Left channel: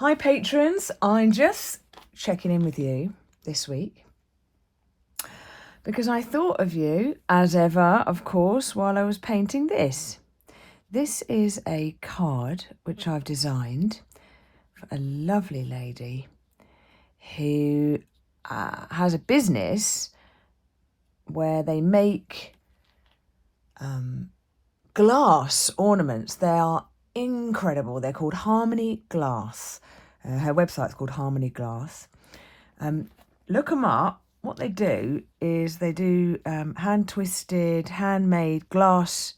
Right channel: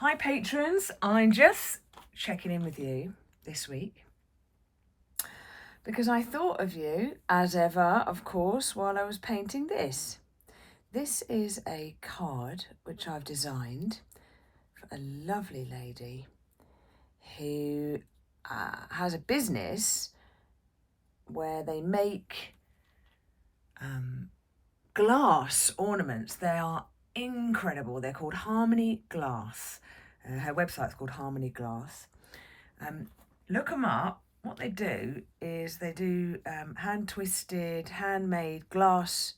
Hi patrons, I'm just checking in with you this week because I thought of you as ever, of course, while I was painting this. This is a card which I've designed for a lovely lady who has a business where they make glass ornaments. They are incredible. They're called Harmony Glass. Her website's called Harmony Glass. Look them up. What they do is they do hand-twisted, handmade glass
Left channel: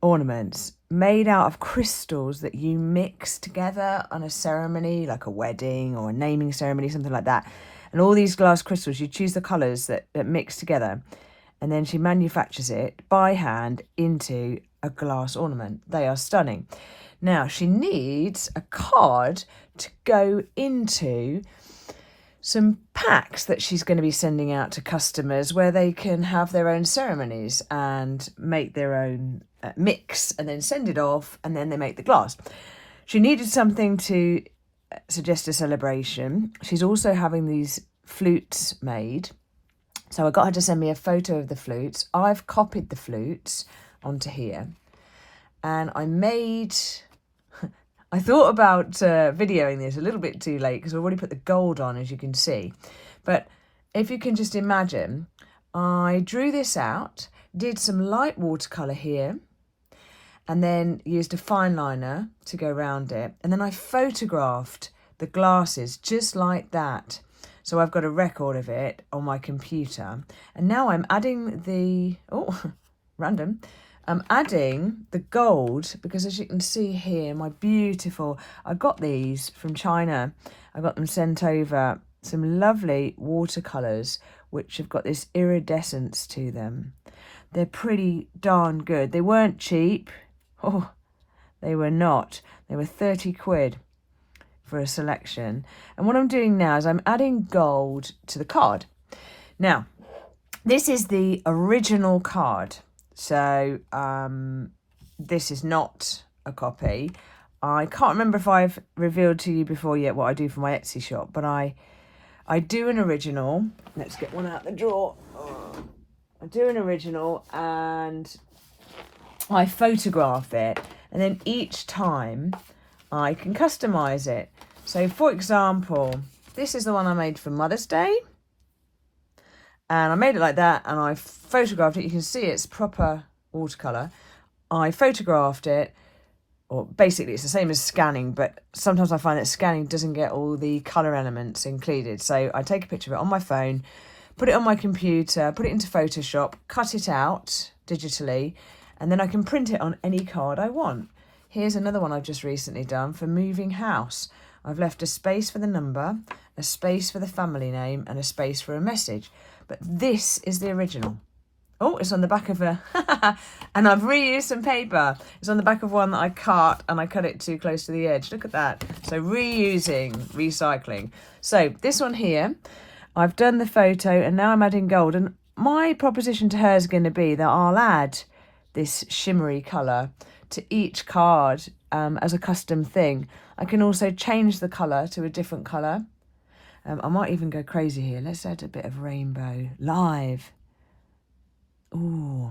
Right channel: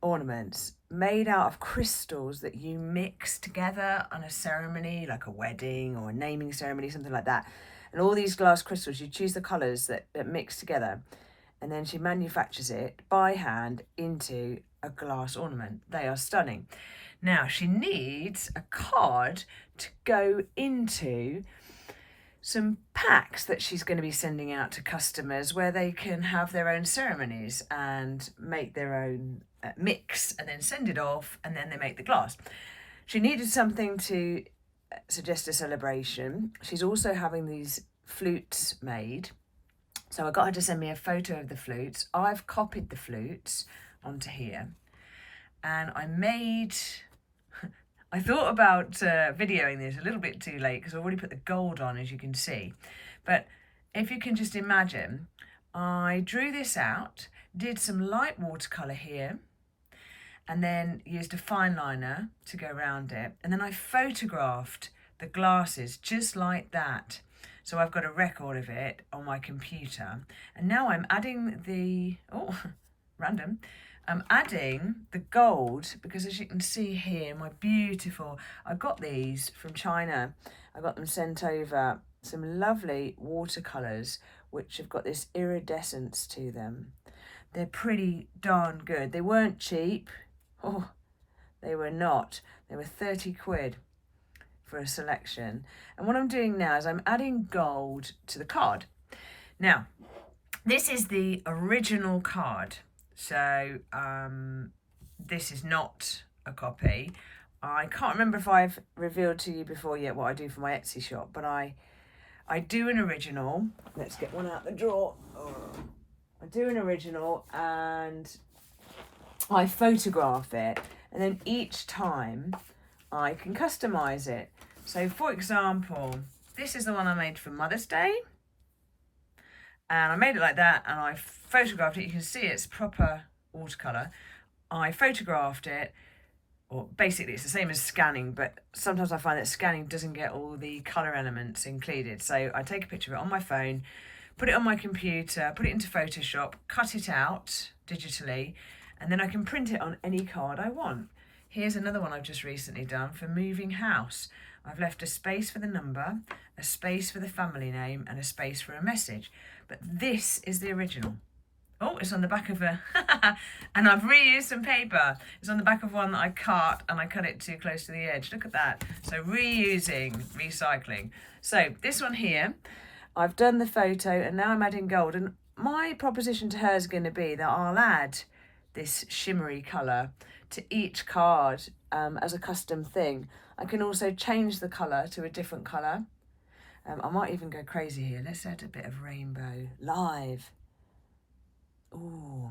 ornaments made out of crystals that you mix together on a ceremony, like a wedding or a naming ceremony, something like that. And all these glass crystals, you choose the colours that mix together, and then she manufactures it by hand into a glass ornament. They are stunning. Now, she needs a card to go into some packs that she's going to be sending out to customers where they can have their own ceremonies and make their own mix and then send it off, and then they make the glass. She needed something to suggest a celebration. She's also having these flutes made. So I got her to send me a photo of the flutes. I've copied the flutes onto here. And I thought about videoing this a little bit too late because I've already put the gold on, as you can see. But if you can just imagine, I drew this out, did some light watercolour here, and then used a fine liner to go around it. And then I photographed the glasses just like that. So I've got a record of it on my computer. And now I'm adding the, random. I'm adding the gold because, as you can see here, I got these from China. I got them sent over, some lovely watercolours which have got this iridescence to them. They're pretty darn good. They weren't cheap. Oh, they were not. They were 30 quid for a selection. And what I'm doing now is I'm adding gold to the card. Now, this is the original card. So this is not a copy. I can't remember if I've revealed to you before yet what I do for my Etsy shop, but I do an original. Let's get one out the drawer. I do an original and I photograph it, and then each time I can customise it. So for example, this is the one I made for Mother's Day. And I made it like that, and I photographed it. You can see it's proper watercolour. I photographed it, or basically it's the same as scanning, but sometimes I find that scanning doesn't get all the colour elements included. So I take a picture of it on my phone, put it on my computer, put it into Photoshop, cut it out digitally, and then I can print it on any card I want. Here's another one I've just recently done for moving house. I've left a space for the number, a space for the family name, and a space for a message. But this is the original. Oh, it's on the back of a... and I've reused some paper. It's on the back of one that I cut, and I cut it too close to the edge. Look at that. So reusing, recycling. So this one here, I've done the photo, and now I'm adding gold. And my proposition to her is going to be that I'll add this shimmery colour to each card as a custom thing. I can also change the colour to a different colour. I might even go crazy here. Let's add a bit of rainbow live. Ooh,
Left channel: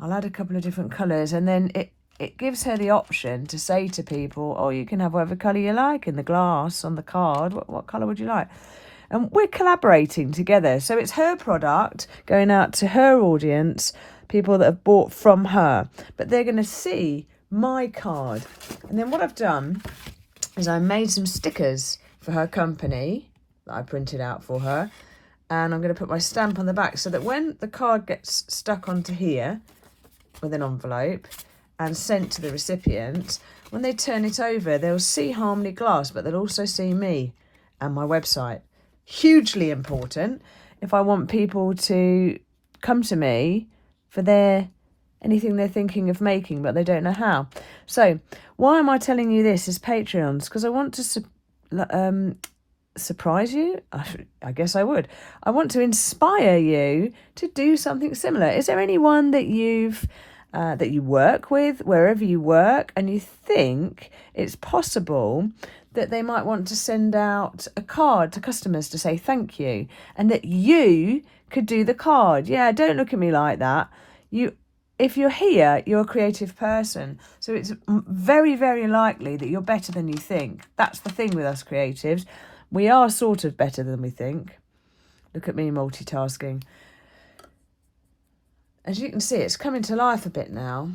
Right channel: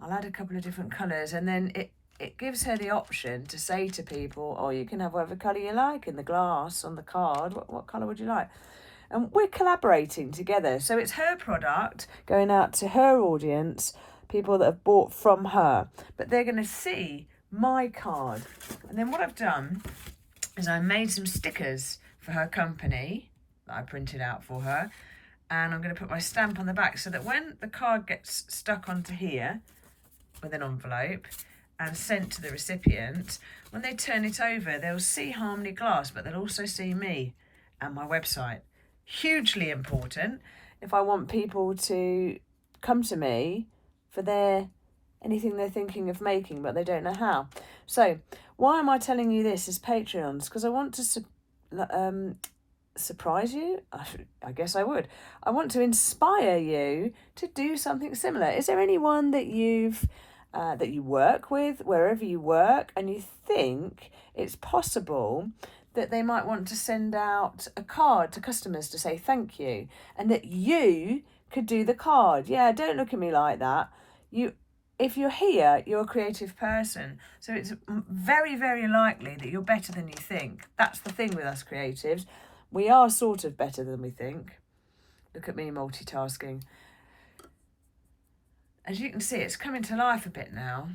I'll add a couple of different colours, and then it gives her the option to say to people, oh, you can have whatever colour you like in the glass on the card. What colour would you like? And we're collaborating together. So it's her product going out to her audience, people that have bought from her, but they're going to see my card. And then what I've done is I made some stickers for her company that I printed out for her, and I'm going to put my stamp on the back so that when the card gets stuck onto here with an envelope and sent to the recipient, when they turn it over, they'll see Harmony Glass, but they'll also see me and my website. Hugely important if I want people to come to me for anything they're thinking of making, but they don't know how. So why am I telling you this as Patreons? Because I want to surprise you. I guess I would. I want to inspire you to do something similar. Is there anyone that you've that you work with, wherever you work, and you think it's possible that they might want to send out a card to customers to say thank you, and that you could do the card. Yeah, don't look at me like that. If you're here, you're a creative person. So it's very, very likely that you're better than you think. That's the thing with us creatives. We are sort of better than we think. Look at me multitasking. As you can see, it's coming to life a bit now.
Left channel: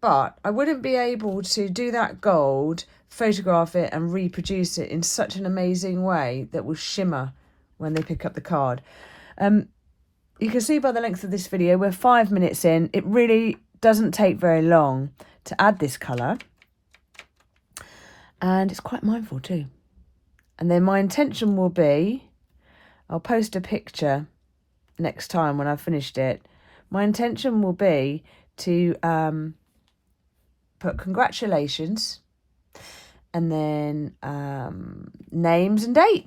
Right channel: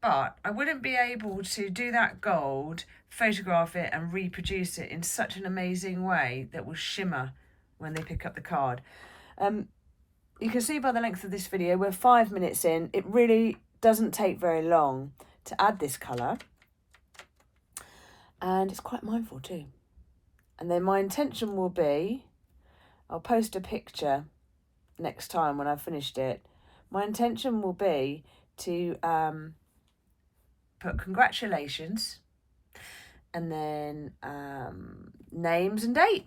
But I wouldn't be able to do that gold, photograph it and reproduce it in such an amazing way that will shimmer when they pick up the card. You can see by the length of this video, we're 5 minutes in. It really doesn't take very long to add this colour. And it's quite mindful too. And then my intention will be, I'll post a picture next time when I've finished it. My intention will be to put congratulations and then names and date,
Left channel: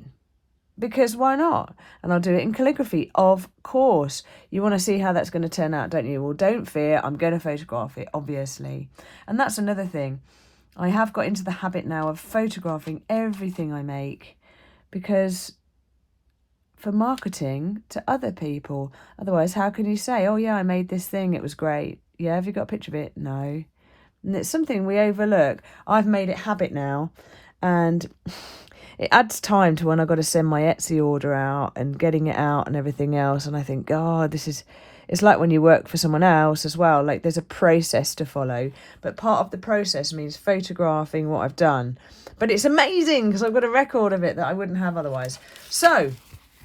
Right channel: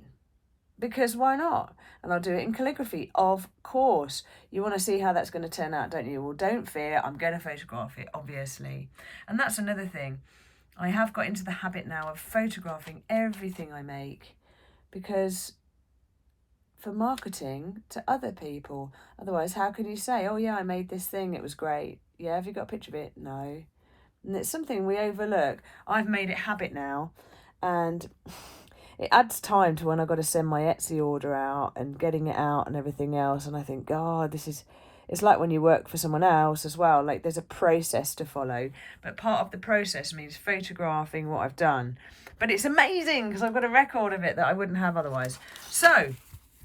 because why not? And I'll do it in calligraphy, of course. You want to see how that's going to turn out, don't you? Well, don't fear, I'm going to photograph it, obviously. And that's another thing. I have got into the habit now of photographing everything I make, because for marketing to other people. Otherwise, how can you say, oh yeah, I made this thing, it was great. Yeah, have you got a picture of it? No. And it's something we overlook. I've made it habit now, and it adds time to when I've got to send my Etsy order out and getting it out and everything else. And I think, God, it's like when you work for someone else as well. Like, there's a process to follow, but part of the process means photographing what I've done. But it's amazing because I've got a record of it that I wouldn't have otherwise. So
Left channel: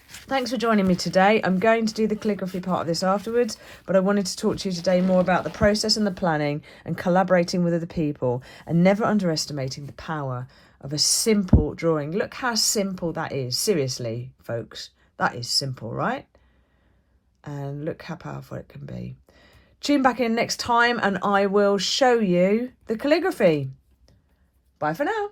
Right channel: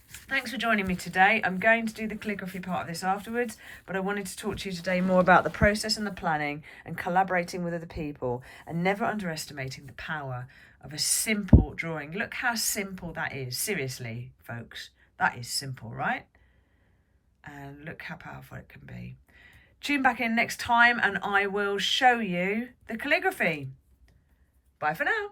thanks for joining me today. I'm going to do the calligraphy part of this afterwards, but I wanted to talk to you today more about the process and the planning and collaborating with other people, and never underestimating the power of a simple drawing. Look how simple that is. Seriously, folks, that is simple, right? And look how powerful it can be. Tune back in next time and I will show you the calligraphy. Bye for now.